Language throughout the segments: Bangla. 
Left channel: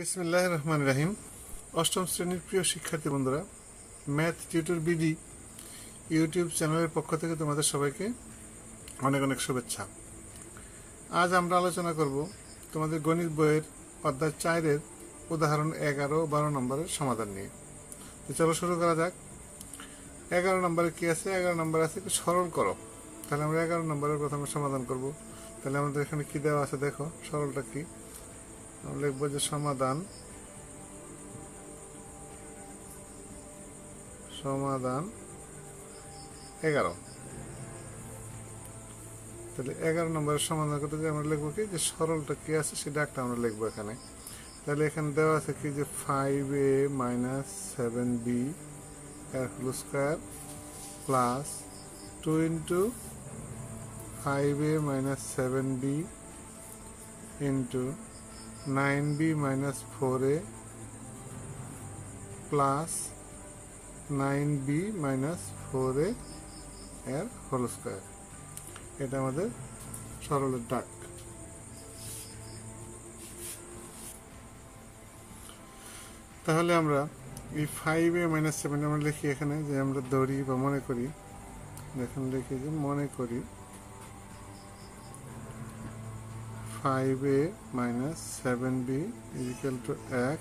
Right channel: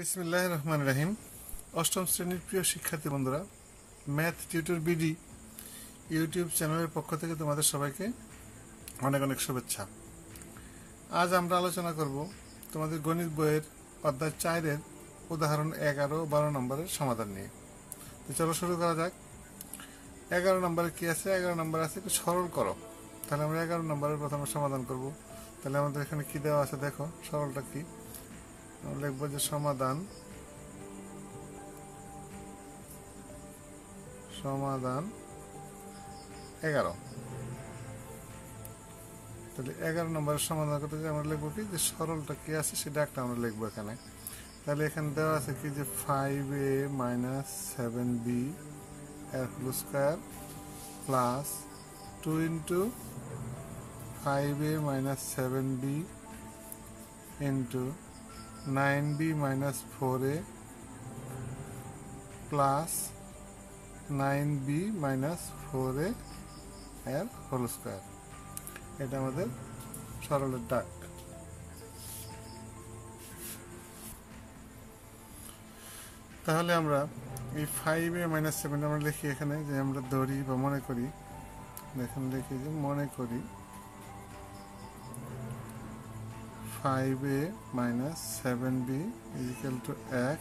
বিসমিল্লাহির রহমানির রহিম। অষ্টম শ্রেণীর প্রিয় শিক্ষার্থী বন্ধুরা, ম্যাথ টিউটর বিডি ইউটিউব চ্যানেলের পক্ষ থেকে তোমাদের সবাইকে অনেক অনেক শুভেচ্ছা। আজ আমরা আলোচনা করব তোমাদের গণিত বইয়ের অধ্যায় 4-এর উদাহরণ 11 ও 12 নম্বরের সমাধান নিয়ে। তো চলো শুরু করা যাক। 11 নম্বরে কি আছে? 11 নম্বর আছে সরল করো। তাহলে আমরা 11 নম্বরের প্রথমে সমাধান করব। তাহলে আমাদের এখানে কি দেওয়া আছে দেখো, সরলটা কি লিখবো যে সমাধান 11। তাহলে 11 নম্বরের সমাধান করতে আমরা লিখবো কি যে সরলটা কি আছে সেটা একটা আমরা লিখবো এখানে। তাহলে এখানে দেওয়া আছে কি যে 5a - 7b এর whole square plus 2 × 5a - 7b into 9b - 4a plus 9b - 4a এর হোল স্কয়ার। এটা আমাদের সরলের ডাক। তাহলে আমরা এই 5a - 7 আমরা লিখি এখানে, যে আমরা ধরি বা মনে করি, এখানে লিখি যে মনে করি 5a - 7b = x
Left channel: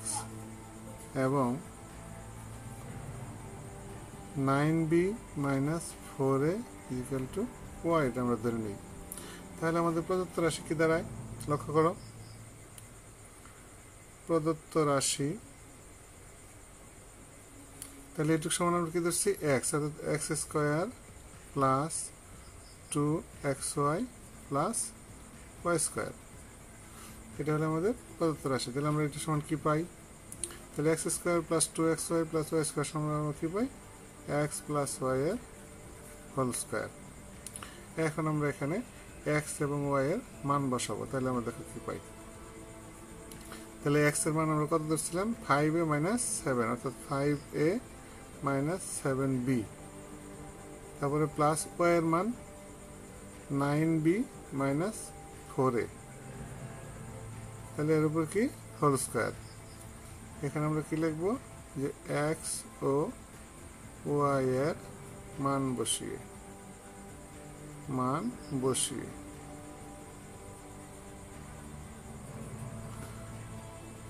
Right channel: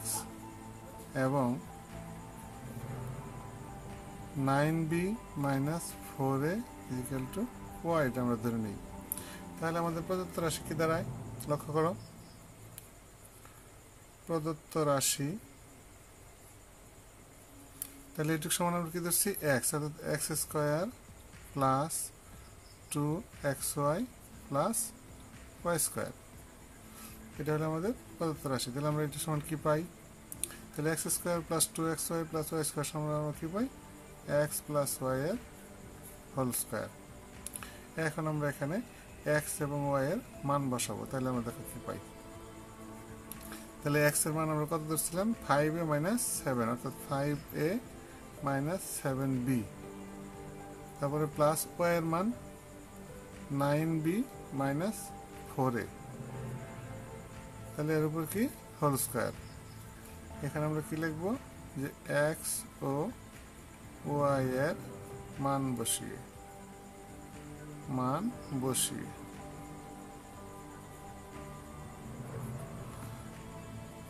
এবং 9b - 4a = y, এটা আমরা ধরে নিই। তাহলে আমাদের প্রদত্ত রাশি কি দাঁড়ায় লক্ষ্য করো। প্রদত্ত রাশি তাহলে এটুকু সমান আমরা কি ধরছি x, অর্থাৎ x² plus 2xy plus y²। এটা হলো আমাদের প্রদত্ত রাশি। তাহলে আমরা এটা সমান কি পাই? তাহলে x² plus 2xy plus y² সমান আমরা কি পাই? x প্লাস y এর হোল স্কয়ার। এখন আমরা এখানে x এবং y এর মান বসাবো। তাহলে আমরা দেখো কি পাই। তাহলে x এর মান আমরা কত ধরছিলাম? 5a - 7, অর্থাৎ 5a - 7b, তারপরে প্লাস y এর মান 9b - 4a, তাহলে এর উপর কি হোল স্কয়ার। এখানে আমরা কি লিখবো যে x ও y এর মান বসিয়ে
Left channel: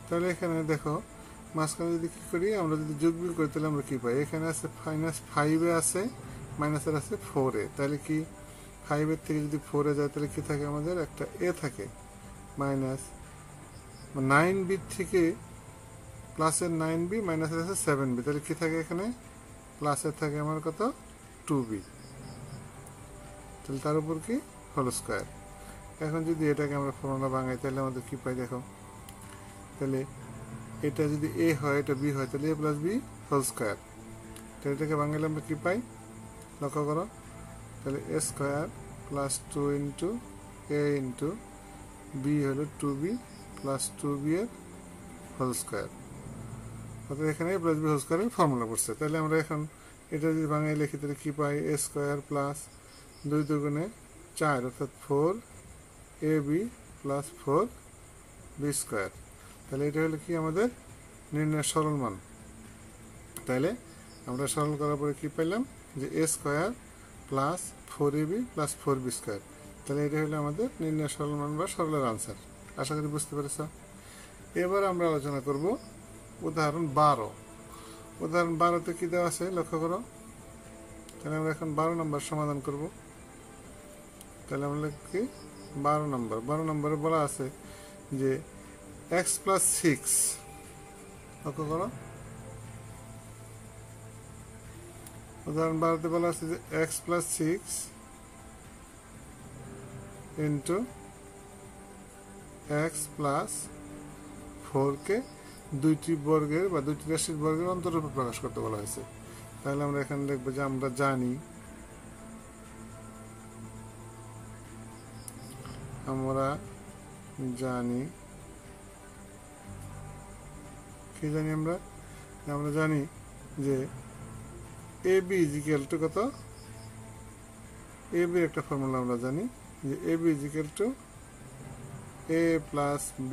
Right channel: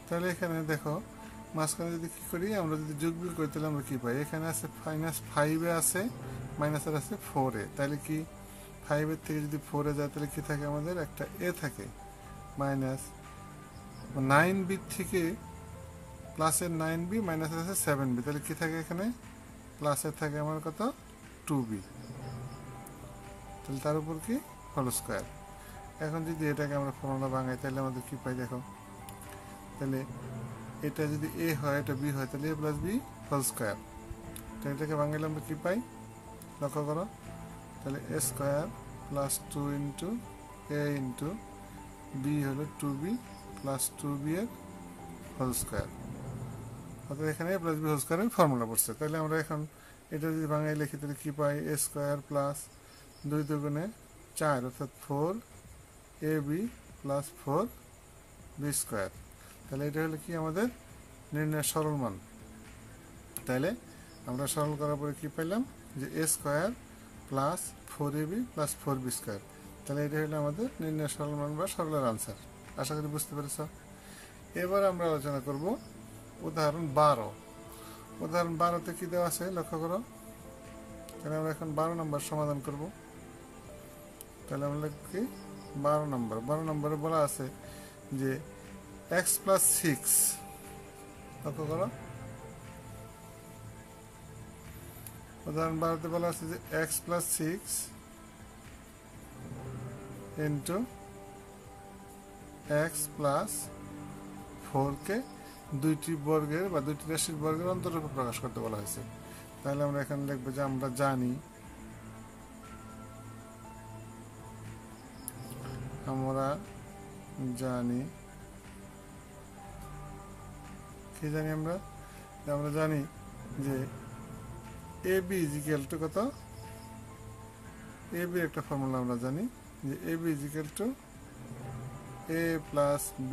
তাহলে এখানে দেখো মাঝখানে যদি কি করি, আমরা যদি যোগবিয়োগ করি তাহলে আমরা কি পাই? এখানে আছে -5a আছে, মাইনাসের আছে 4a। তাহলে কি 5 এর থেকে যদি 4a যায় তাহলে কি থাকে? আমাদের একটা a থাকে, মাইনাস 9b থেকে প্লাসের 9b মাইনাসের আছে 7b, তাহলে কি থাকে এখানে? প্লাসের থাকে আমার কত? 2b, তাহলে তার উপর কি হোল স্কয়ার। এখন যদি এটাকে আমরা ফর্মুলা ভাঙাই তাহলে আমাদের কি পাই দেখো। তাহলে এটা যদি a হয়, এটা b হয়, তাহলে a plus b whole square. তাহলে এটাকে ভাঙাইলে আমরা কি পাই লক্ষ্য করো। তাহলে a² প্লাস 2 × a × b হলো 2b প্লাস 2b এর হোল স্কয়ার। অর্থাৎ এখানে a প্লাস b হোল স্কয়ারের ফর্মুলা পড়ছে। তাহলে আমরা এখন এটা যদি ভাঙাই লিখি তাহলে কি পাই? a² প্লাস 2 × 4, অর্থাৎ 4ab প্লাস 4b²। তাহলে এটা হলো কি আমাদের নির্ণয়ের সরল মান। তাহলে আমরা সরল করার পরে কি পেলাম যে a² plus 4ab plus 4b²। তাহলে এটা হলো আমাদের নির্ণয়ের সরল মান বা সরলের আনসার। আশা করি বুঝতে পেরেছ। এবার আমরা আলোচনা করব উদাহরণ 12। উদাহরণ 12তে কি দেওয়া আছে লক্ষ্য করো। তাহলে আমরা এখন 12 নম্বর সমাধান করব। তাহলে আমরা লিখি 12 নম্বর। 12 নম্বরে বলা আছে যে x প্লাস 6, লক্ষ্য করো উদাহরণ 12তে বলা আছে যে x plus 6 into x plus 4 কে দুইটি বর্গের বা দুইটি রাশির বর্গের অন্তরূপে প্রকাশ করতে বলা হয়েছে। তাহলে আমরা এখানে লিখবো যে আমরা জানি কি জানি আমরা জানি যে ab = কত? ab এর একটা ফর্মুলা আমরা জানি যে ab = a plus b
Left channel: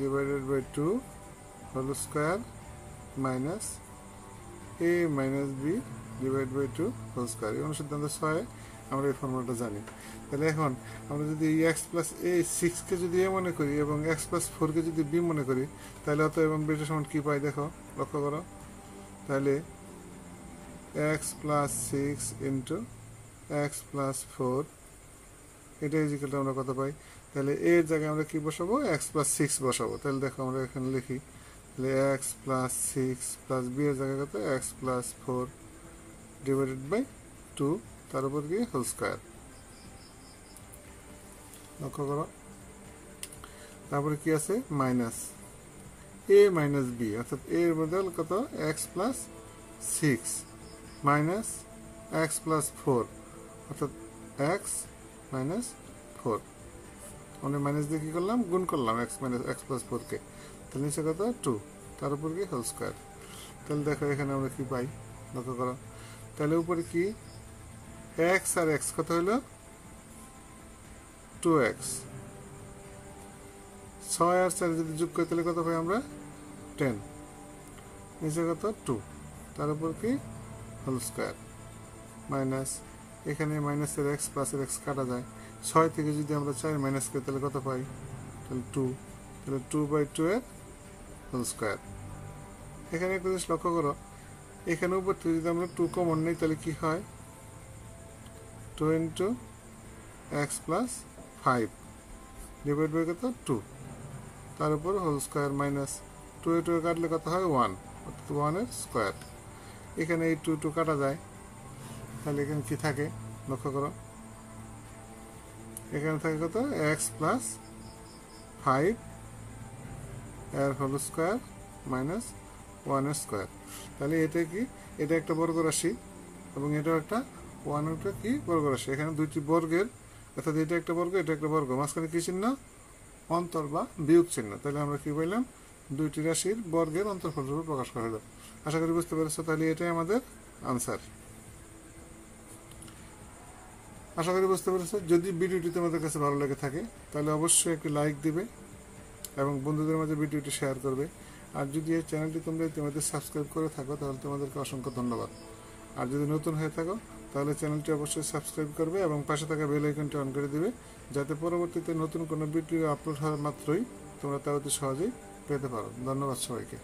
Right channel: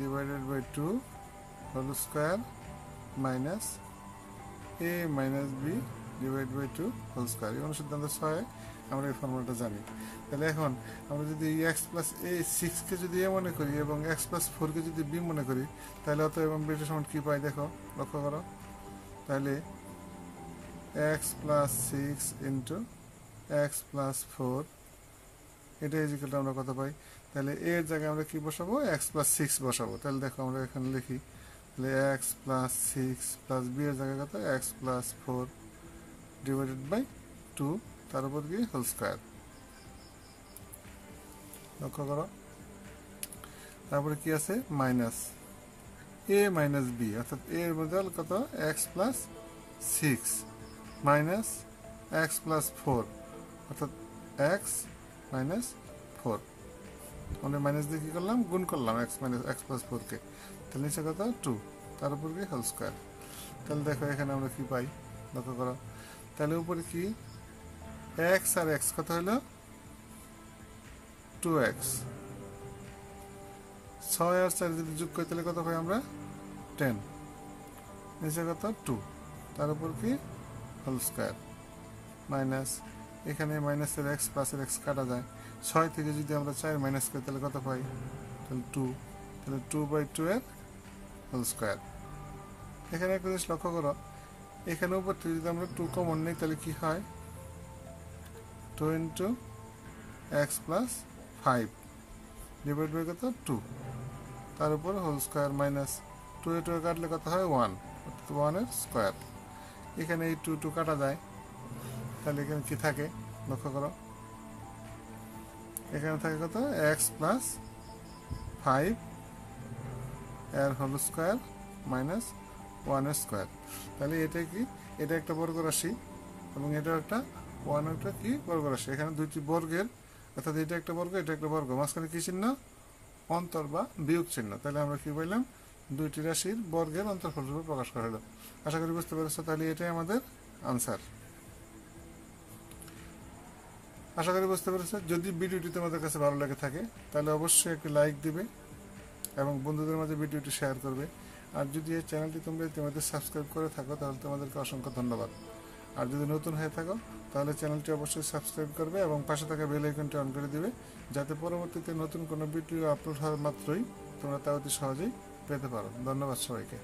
divided by 2 whole square minus A minus B divide by 2 whole square. এই অনুসিদ্ধান্ত 6 আমরা এই ফর্মুলাটা জানি। তাহলে এখন আমরা যদি এক্স প্লাস এ 6কে যদি এ মনে করি এবং এক্স প্লাস 4কে যদি বি মনে করি, তাহলে অতএব আমরা এটা সমান কি পাই দেখো, লক্ষ্য করো। তাহলে x plus 6 into X plus 4 এটা ইজিক্যালটা আমরা কত পাই? তাহলে এর জায়গায় আমরা কি বসাবো? এক্স প্লাস 6 বসাবো। তাহলে দেখো আমরা এখানে লিখি, তাহলে এক্স প্লাস 6 প্লাস বি এর জায়গায় কত? এক্স প্লাস 4 ডিভাইডেড বাই 2 তার উপর কি হোল স্কোয়ার। লক্ষ্য করো, তারপরে কি আছে? মাইনাস এ মাইনাস বি, অর্থাৎ এর বদল কত? X plus 6 minus x plus 4, অর্থাৎ এক্স মাইনাস 4। আমরা মাইনাস দিয়ে কি করলাম? গুণ করলাম এক্স মাইনাস এক্স প্লাস 4কে। তাহলে নিচে কত? 2 তার উপর কি হোল স্কোয়ার। তাহলে দেখো এখানে আমরা কি পাই, লক্ষ্য করো। তাহলে উপরে কি এক্স আর এক্স কত হলো? 2x। 6 আর 4 যদি যোগ করি তাহলে কত পাই আমরা? 10। নিচে কত? 2 তার উপর কি হোল স্কোয়ার মাইনাস এখানে মাইনাসের এক্স প্লাসের এক্স কাটা যায়। 6 থেকে যদি আমরা 4 মাইনাস করি তাহলে কত পাই? তাহলে 2। তাহলে 2/2 এর হোল স্কোয়ার। এখানে একটা জিনিস লক্ষ্য করো, এখানে উপর থেকে যদি আমরা 2 কমন নিই তাহলে কি হয়? 2 into X plus 5 divide by কত? 2 তার উপর হোল স্কোয়ার মাইনাস 2 এ 2 কাটলে কত হয়? 1, 1 এর স্কোয়ার। এখানে এই 2 কাটা যায়, তাহলে এখানে কি থাকে লক্ষ্য করো, এখানে থাকে কত? এক্স প্লাস 5 এর হোল স্কোয়ার মাইনাস 1 এর স্কোয়ার। তাহলে এটা কি? এটা একটা বর্গ রাশি এবং এটা একটা 1 একটা কি বর্গ রাশি। এখানে দুইটি বর্গের, অর্থাৎ এটা একটা বর্গ এটা একটা বর্গ, মাঝখানে কি চিহ্ন? অন্তর বা বিয়োগ চিহ্ন। তাহলে আমরা কি বললাম? দুইটি রাশির বর্গের অন্তর্ফল রূপে প্রকাশ করা হলো। আশা করি বুঝতে পেরেছো। তাহলে এটাই আমাদের আনসার। আশা করি বুঝতে পেরেছো। যদি ভিডিওটি তোমাদের কাছে ভালো লাগে থাকে তাহলে অবশ্যই একটি লাইক দিবে এবং বন্ধুদের মাঝে ভিডিওটি শেয়ার করবে। আর যদি এই চ্যানেলটি তোমরা ইতিমধ্যে সাবস্ক্রাইব করে থাকো তাহলে তোমাদেরকে অসংখ্য ধন্যবাদ। আর যদি নতুন হয়ে থাকো তাহলে চ্যানেলটি অবশ্যই সাবস্ক্রাইব করবে এবং পাশে থাকা বেল আইকনটি অন করে দিবে, যাতে পরবর্তীতে নতুন কোনো ভিডিও আপলোড হওয়ার মাত্রই তোমরা তা অতি সহজেই পেতে পারো। ধন্যবাদ সবাইকে।